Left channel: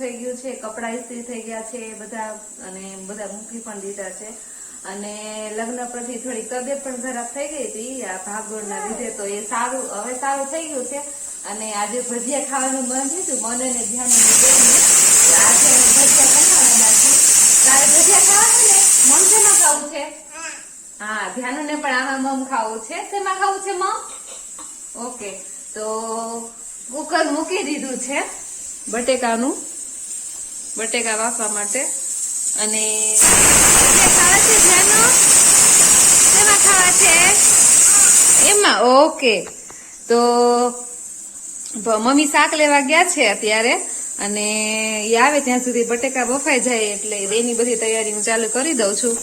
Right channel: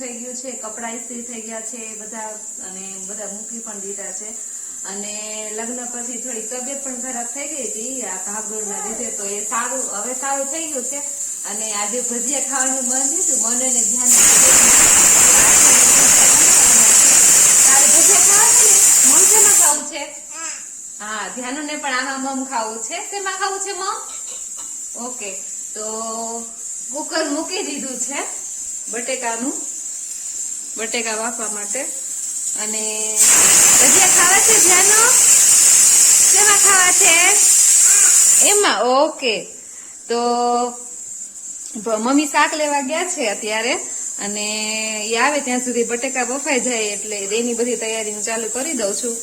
થઈ ગયું છે, કપડા ઇસ્ત્રી થઈ ગયા છે બધા, અને બધા મૂકી પણ દીધા છે. અને લગ્ન પછી થોડી તબિયત પણ ખરાબ થઈ ગઈ હતી આ ભાગદોડના લીધે, તો એ સારું હવે સારું થઈ ગયું છે. અને આજે ભજીયા ખાવાનું મન થયું, મને ને ધ્યાન આજે ભજીયા બનાવવાના છે. તારે ભજીયા ખાવા છે ને? મમ શેમાં ખાવું છે? હા, ધ્યાનુને પણ આમાં મમ ખાવું છે. શેમાં ખાવું છે મમ? ઓકે, તો કુકર મૂકી દીધું છે બટેકા બાફવા માટે. અને ભજીયા ખાવા છે ધ્યાનો? શેમાં ખાવા છે? એમાં. ઓકે, તો મમ્મી શાક લેવા ગયા છે અત્યારે, અને એ આવે ત્યાં સુધી બટેકા બફાઈ જાય એટલે એની બધી તૈયારી હું ચાલુ કરી દઉં છું.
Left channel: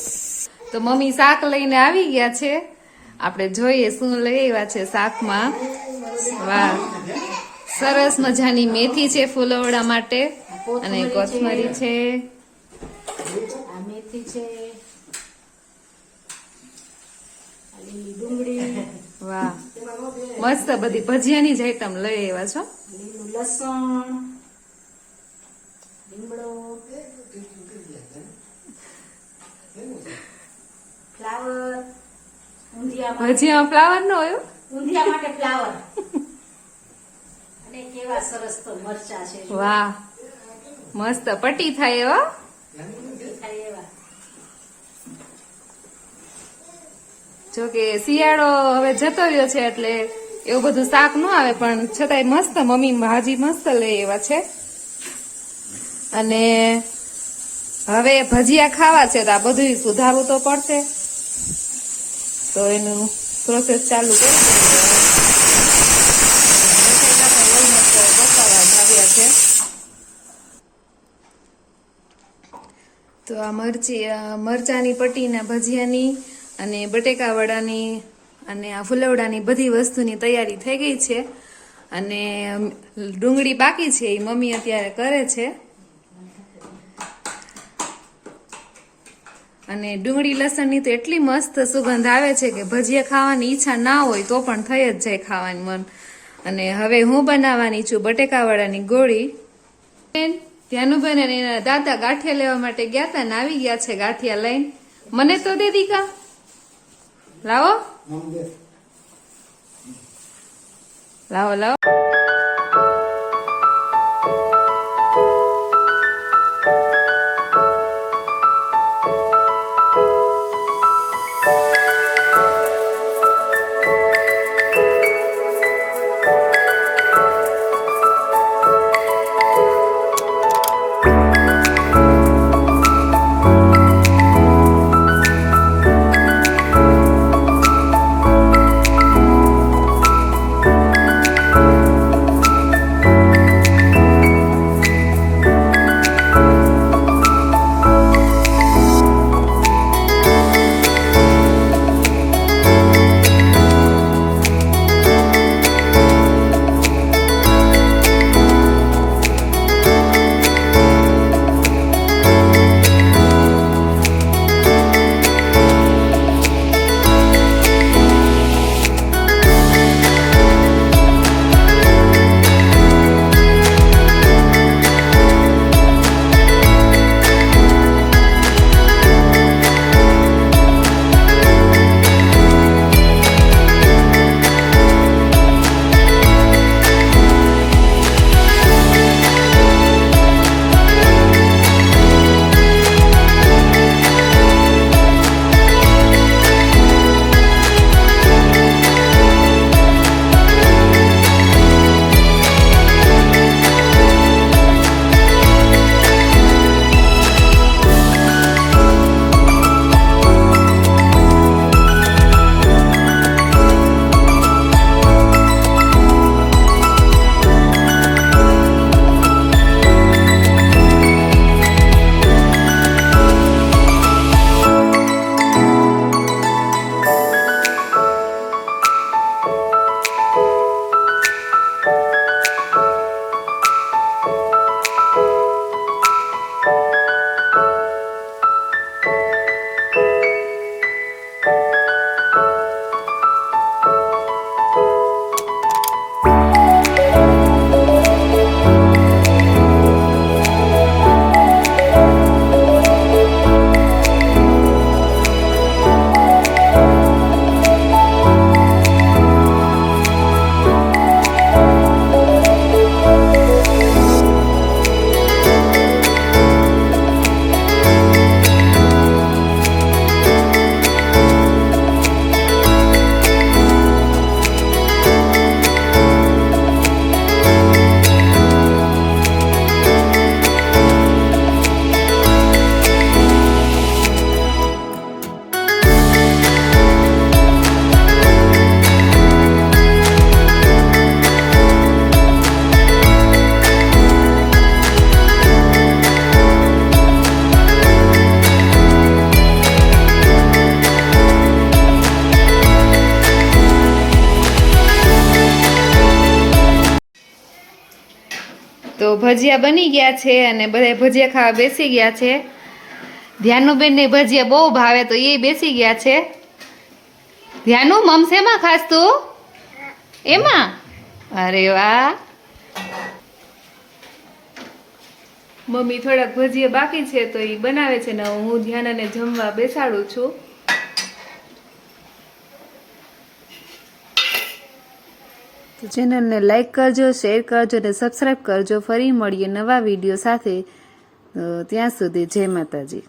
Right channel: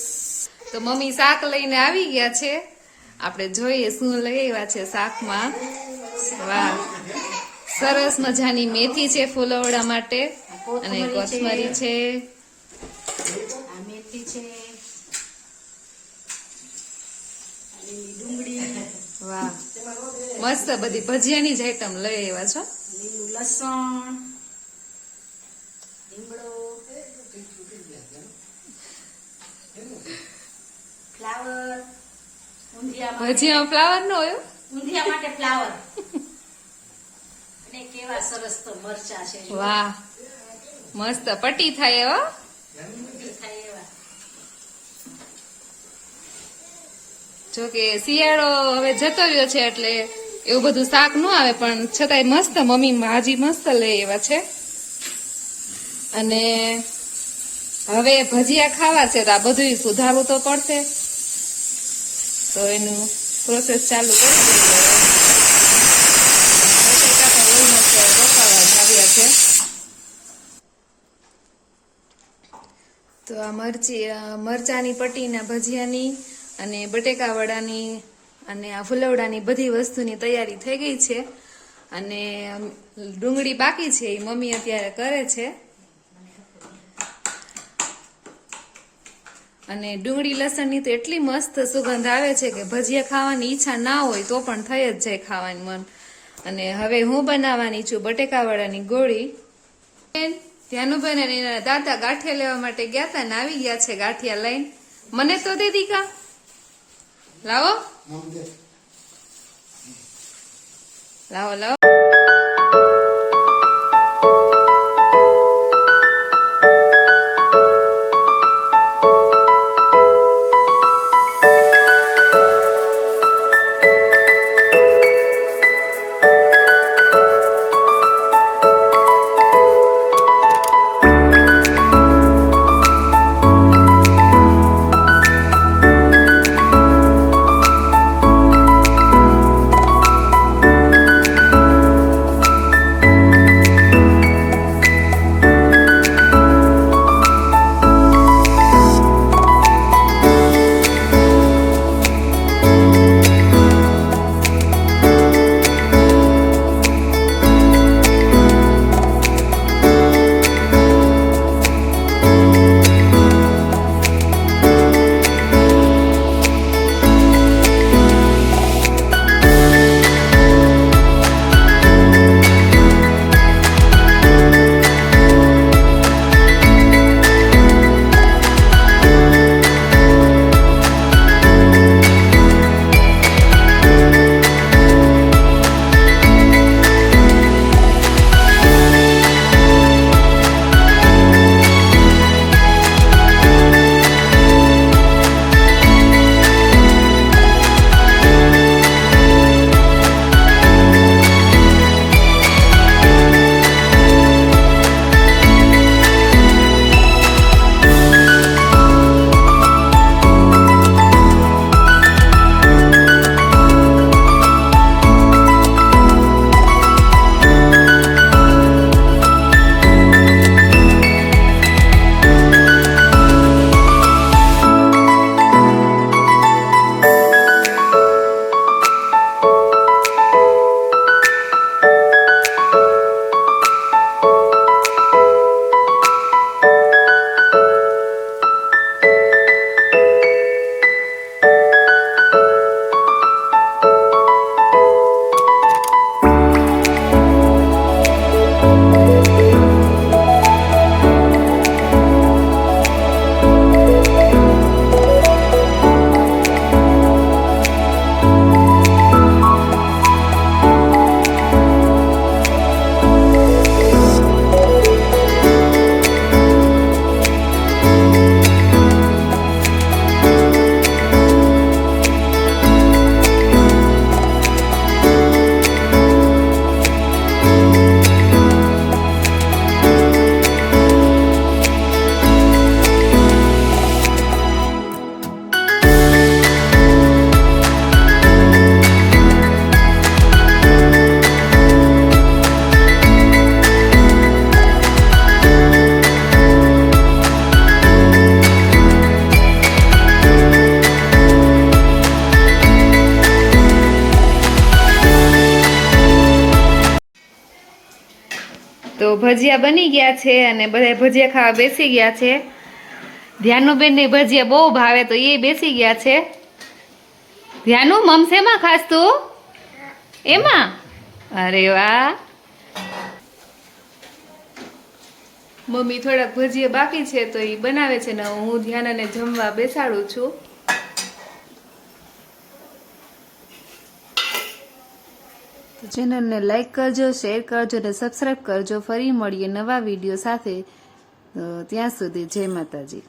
તો મમ્મી શાક લઈને આવી ગયા છે, આપણે જોઈએ શું લઈ આવ્યા છે શાકમાં. વાહ, સરસ મજાની મેથી છે ફુલવડા માટે, અને કોથમરી છે, મેથી છે, ડુંગળી. વાહ, મસ્ત બધી ભજીયાની જ આઈટમ લઈ આવ્યા છો. લીલું લસણ, લીમડો, ફ્લાવર. ભજીયામાં ફ્લાવર નો હોય? ઊંધિયા માટે ફ્લાવર. અને કેવા સરસ તો મરચા છે. વાહ, મસ્ત પટ્ટી થાય એવા. જો કે શિયાળો હવે જતો રહ્યો છે એટલે એવું બધું શાક ન આવે, પણ છતાંય મસ્ત મમ્મી ભાજી મસ્ત લઈ એવા છે. અને હવે ભજીયા ખાવા છે તો આ બધું સુધારવું તો પડશે, તો એનું પ્રોસેસ ચાલુ કરી દઈએ. બટેકા પણ ઓલમોસ્ટ બફાવા જ આવ્યા છે. તો આ મરચાની પટ્ટીના ભજીયાની અને બટેકા વડાની અને આ ફુલવડાની બધી વસ્તુની તૈયારી થઈ ગઈ છે. અને ડુંગળી બાકી છે એ મમ્મી અત્યારે કરે છે. અને ડુંગળી લસણની તો એટલી મસ્ત સુગંધ આવે છે કે ભજીયા ખાવાની ઈચ્છા ના હોય તો પણ થઈ જ જાય ખાવાનું મન. અને હવે હું બનાવવાની છું બટેકા વડાની ગોળી. ધ્યાનુબેન અને એના દાદા ગાંઠિયા લેવા માટે ગયા હતા ને આવી ગયા છે ગાંઠિયા લઈને. મને તો દે દીકા, લાવો લાવો લાવો. તો ભજીયા બની ગયા છે અને બધા ભજીયા ખાવા બેસી ગયા છે. ધ્યાનુબેન ને ભજીયા બહુ ભાવે તો એ બેસી ગયા છે. ધ્યાનુ મમસેમાં ખાસ તું એમાં? અરે વાહ. મમ્મી થોડાક ભજીયા બાકી છે તો એ બનાવે છે ને હું ધ્યાનાને જમવા બેસાડું છું. તો ચેનલને લાઈક કરજો, શેર કરજો અને સબસ્ક્રાઈબ કરજો. ફરી મળીએ નવા વિડીયો સાથે. તો ત્યાં સુધી જય માતાજી.